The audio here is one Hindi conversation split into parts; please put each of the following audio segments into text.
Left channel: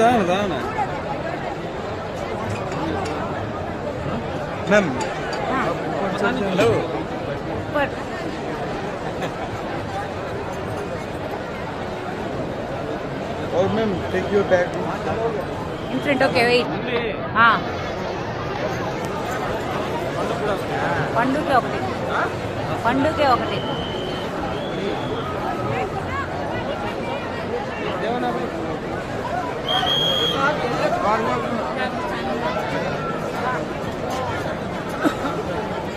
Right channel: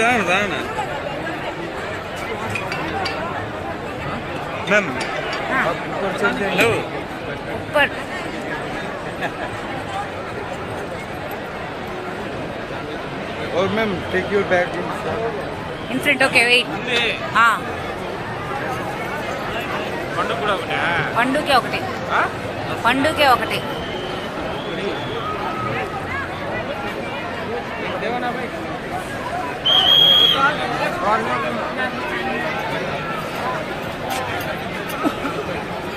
దాన దాన मैम ऊपर चल जाएंगे हेलो ऊपर और ma'am take your bag in front okay wait हाँ పండుకే ఒకటి పండుకే ఒకటి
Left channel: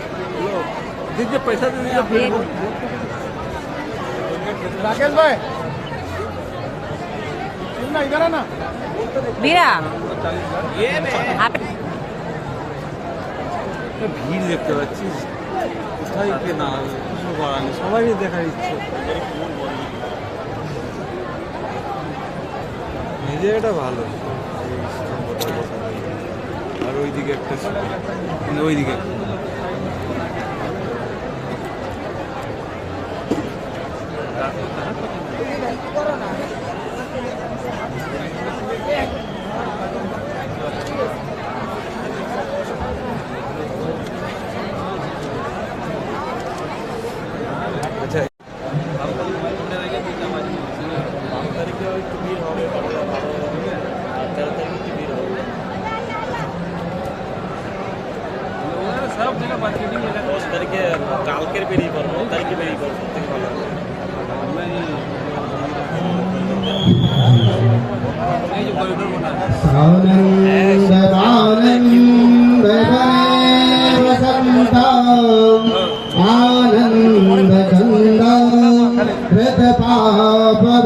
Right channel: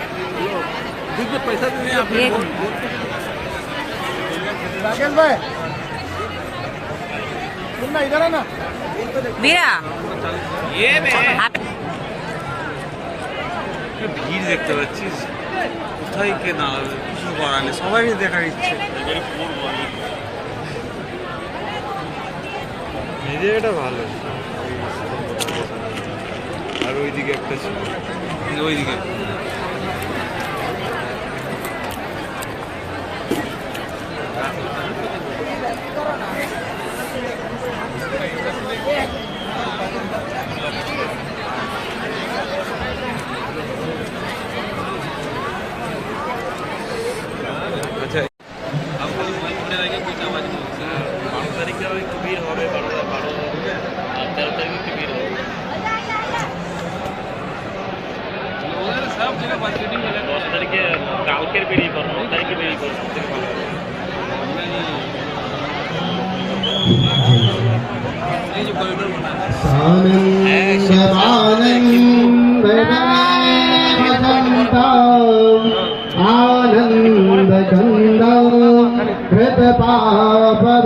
दीजिए पैसा दीजिए एक राकेश भाई सुनना इधर आना మీరా ये आप- ভিড় দেখতে পাচ্ছিস কোথায় কে না কিছু করার নেই সবারই দেখার ইচ্ছে এই জায়গাটা ভালো আর ওইদিকে একটা। ওইদিকে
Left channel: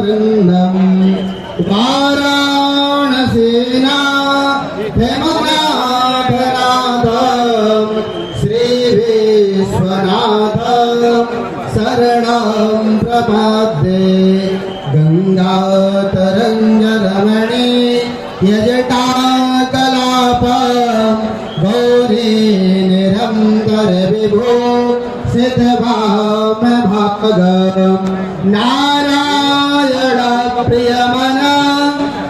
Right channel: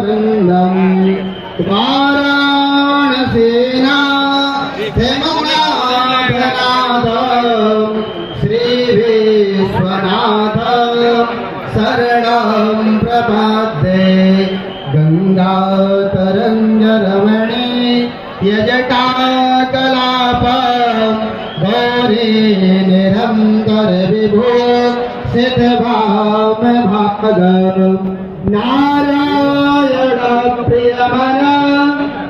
आनन्दकन्दम् वाराणसेना हेमनाभनादम् श्रीविश्वनाथ शरणं प्रपद्ये। गङ्गातरङ्गरमणे यजटाकलाप गौरी निरङ्कर विभो सिद्धभाम भागम् नारायण प्रियमन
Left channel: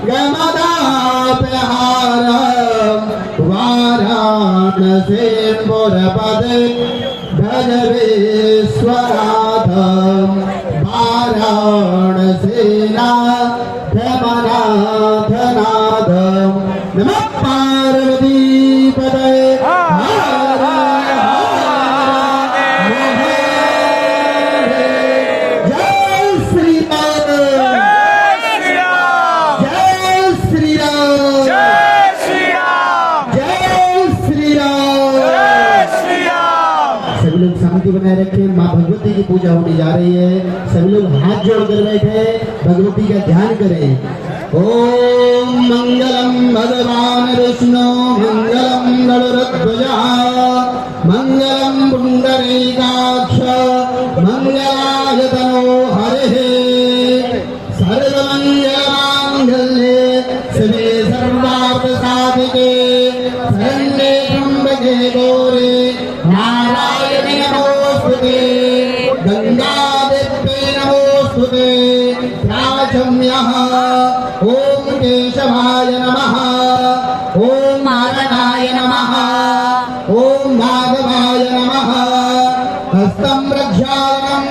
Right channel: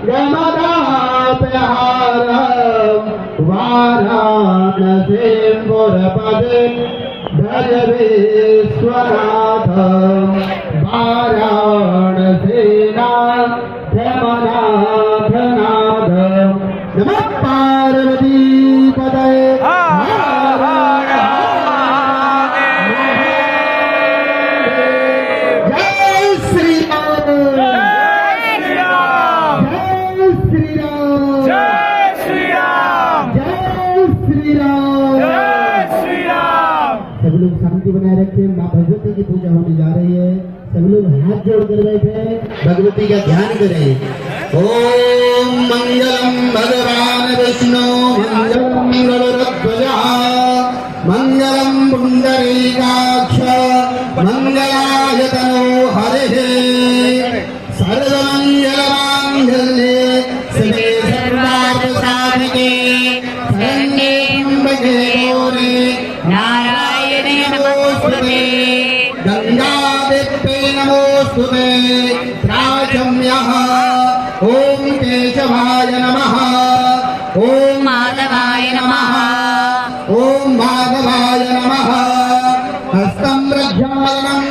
गमदाप्यहारम् वाराणसी पुरपदे भज विश्वनाथम् वाराणसीना हाथ रहे थे भगवती का ध्यान करें। ओम मंगलम भगवान विष्णु।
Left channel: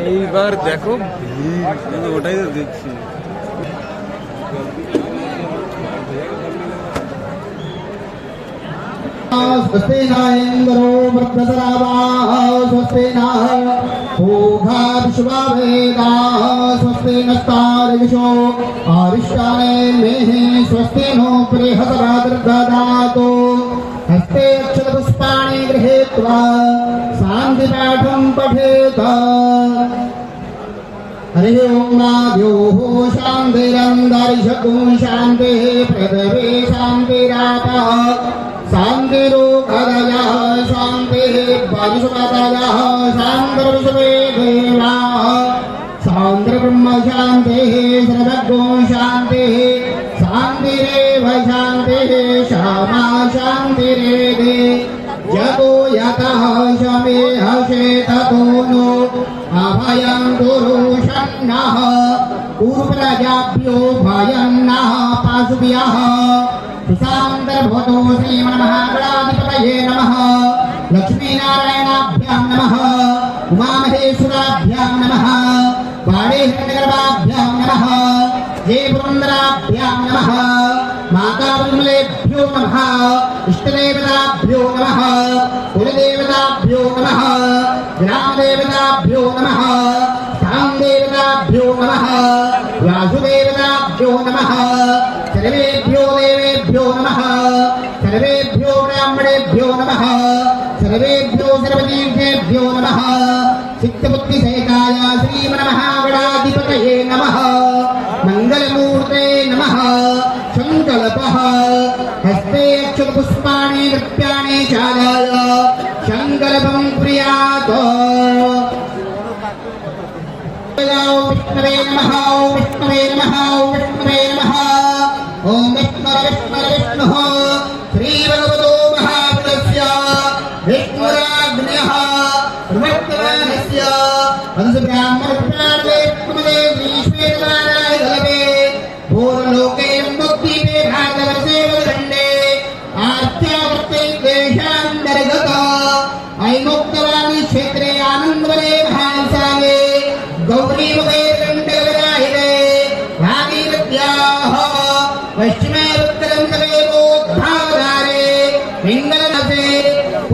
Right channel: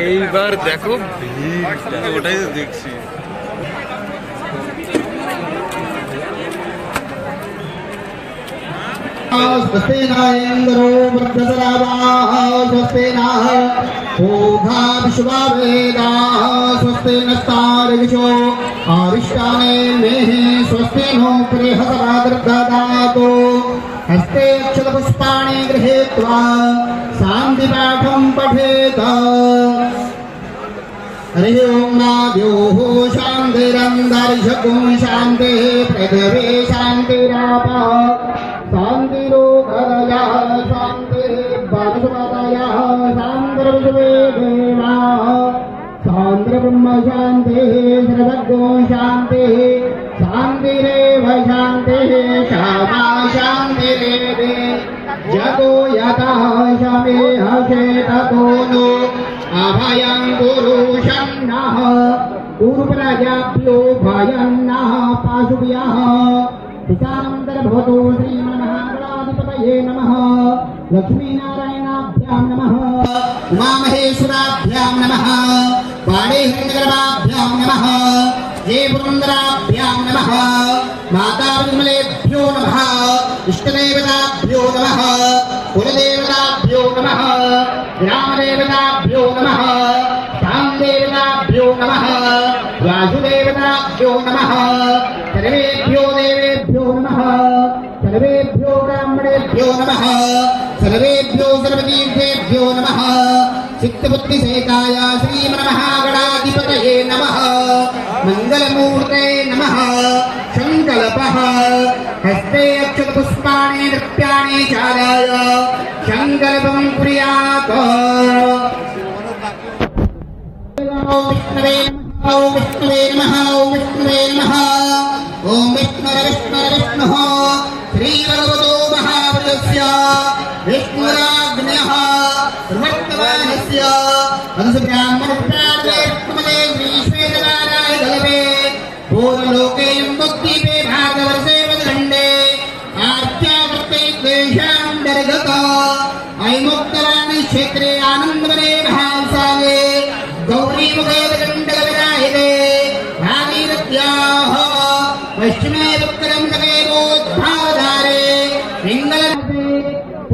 এইবার দেখো ভিড় ওটাই তো দেখছি स्वस्ति न इन्द्रो वृद्धसरावाः स्वस्ति नः पूर्धा विश्ववेदाः स्वस्ति नस्तारिविशो आविष्टाने मेः स्वस्ति नो गृहसरा दुर्गदातो हस्ते अक्षतपुष्पाणि गृहीत्वा शान्तिपाठं पठेत। हरिः ॐ नाद्योः शान्तिरन्दर्शको शान्तिः पृथिवी शान्तिरापः। शान्तिरूपदयः शान्तिः वंशुमतयः शान्तिर्विश्वे देवाः शान्तिर्ब्रह्म शान्तिः सर्वज्ञो शान्तिः शान्तिरेव शान्तिः श्यामा शान्तिरेति जगो यतः शमेह शेततो नो। अभयं गुरु शम्नः पूर्वप्रजाभ्यो भयं नः पाशुभ्यः सुसान्तर्भूतो श्रीमन्महागणाधिपतये नमः। लक्ष्मीनारायणाभ्यां नमः। उमामहेश्वराभ्यां नमः। वाणीहिरण्यगर्भाभ्यां नमः। हे पुरन्दराभ्यां नमः। माताविमलेभ्यो नमः। इष्टदेवताभ्यो नमः। कुलदेवताभ्यो नमः। ग्रामदेवताभ्यो नमः। देवताभ्यो नमः। वासुदेवताभ्यो नमः। सर्वेभ्यो देवेभ्यो नमः। सर्वेभ्यो ब्राह्मणेभ्यो नमः। सर्वेभ्यो सर्वतीर्थेभ्यो नमः। चित्तबुद्धिसहिताय श्रीमन्महागणाधिपतये नमः। मङ्गलमूर्ते नमः। सङ्कल्पः हस्ते अक्षतपुष्पाणि, नृत्याणि चाराय। सङ्कल्पं कुर्यात्। विष्णवे नमः विष्णवे नमः विष्णवे नमः। ॐ विष्णु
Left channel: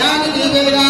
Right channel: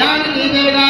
जी का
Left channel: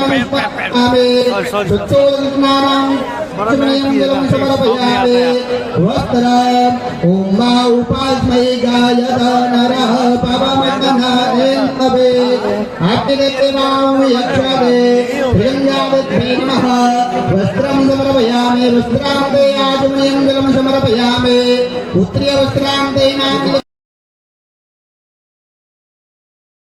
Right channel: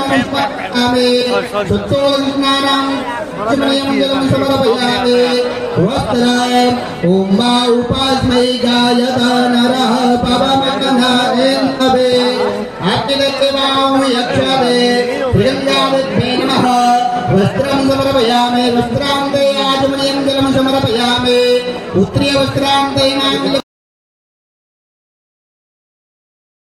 പത്മനാഭമേ ഉത്തോദസ്നാനം ചമനയം ജലം സമർപ്പയാമേ വസ്ത്രം ഓം മാ ഉപാസ്മൈ ഗായത നരഃ പവമകനാനേന്ദ്രവേ ആപ്തികത്തിമാം യക്ഷവേ പ്രിയങ്കാവിഭീമഃ വസ്ത്രം സമർപ്പയാമേ വസ്ത്രാന്തേ ആചമനയം ജലം സമർപ്പയാമേ പുത്രിയ